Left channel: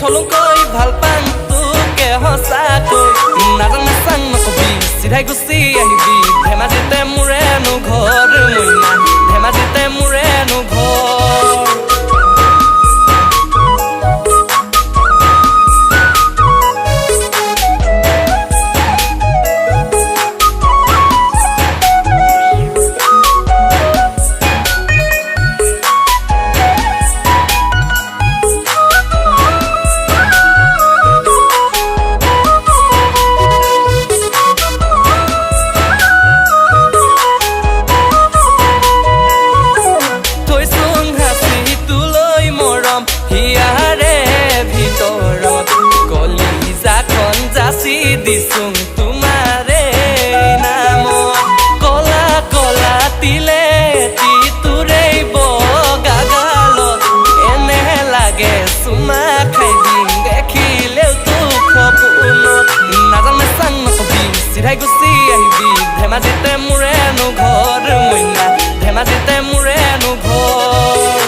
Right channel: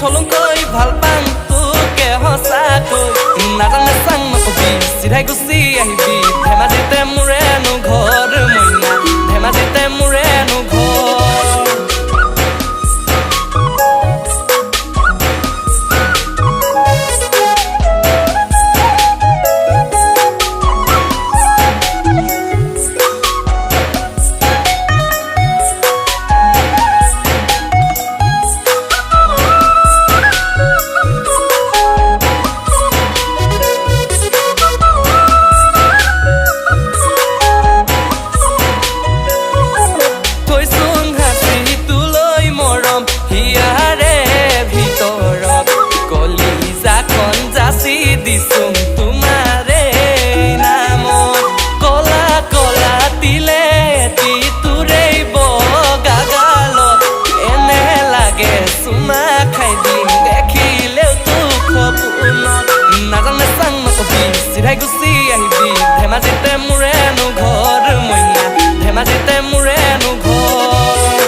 থলুংকৈ ভাল পাং তোকে সঁচাকৈ নাজাং নাচাং নকবি চিধাই গুচি আহিবি ধেমাজিতে মোৰেনো ঘৰ মইনা ধেমাজিতে মোৰেনো ঘৰ হিয়াৰে ভিতৰত কলিজাখন যাচি দিছোং তোমাৰে নামত কলা কলা তিলে তোৰেই বগা গালত এনে লাগে চুমা খাই দিম দেখিলেও তোক সপোনত নাজাং নাচাং নকবি চিধাই গুচি আহিবি ধেমাজিতে মোৰেনো ঘৰ মইনা ধেমাজিতে মোৰেনো ঘৰ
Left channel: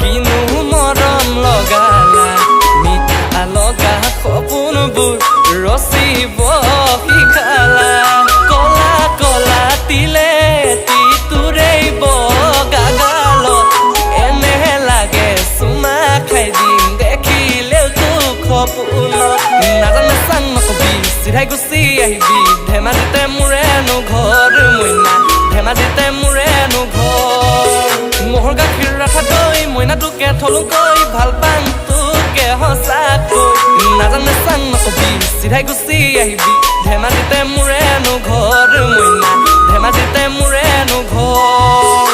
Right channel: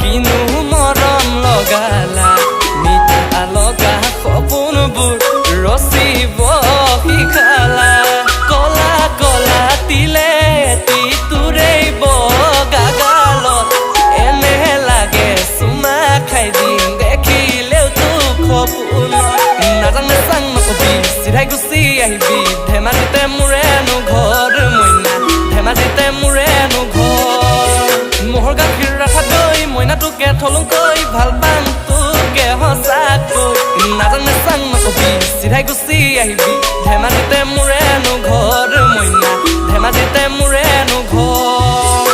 কিনো মৰম লগালা মিঠা লগা সপোনবোৰ ৰচিব শিকালা কলা কলা তিলে তোৰেই বগা গালত এনে লাগে চুমা খাই দিম দেখিলেও তোক সপোনত নাজাং নাচাং নকবি চিধাই গুচি আহিবি ধেমাজিতে মোৰেনো ঘৰ মইনা ধেমাজিতে মোৰেনো ঘৰ মোহৰ গাখীৰ ৰাখা দৈ মইনা তোকে থলুংকৈ ভাল পাং তোকে সঁচাকৈ নাজাং নাচাং নকবি চিধাই গুচি আহিবি ধেমাজিতে মোৰেনো ঘৰ মইনা ধেমাজিতে মোৰেনো ঘৰ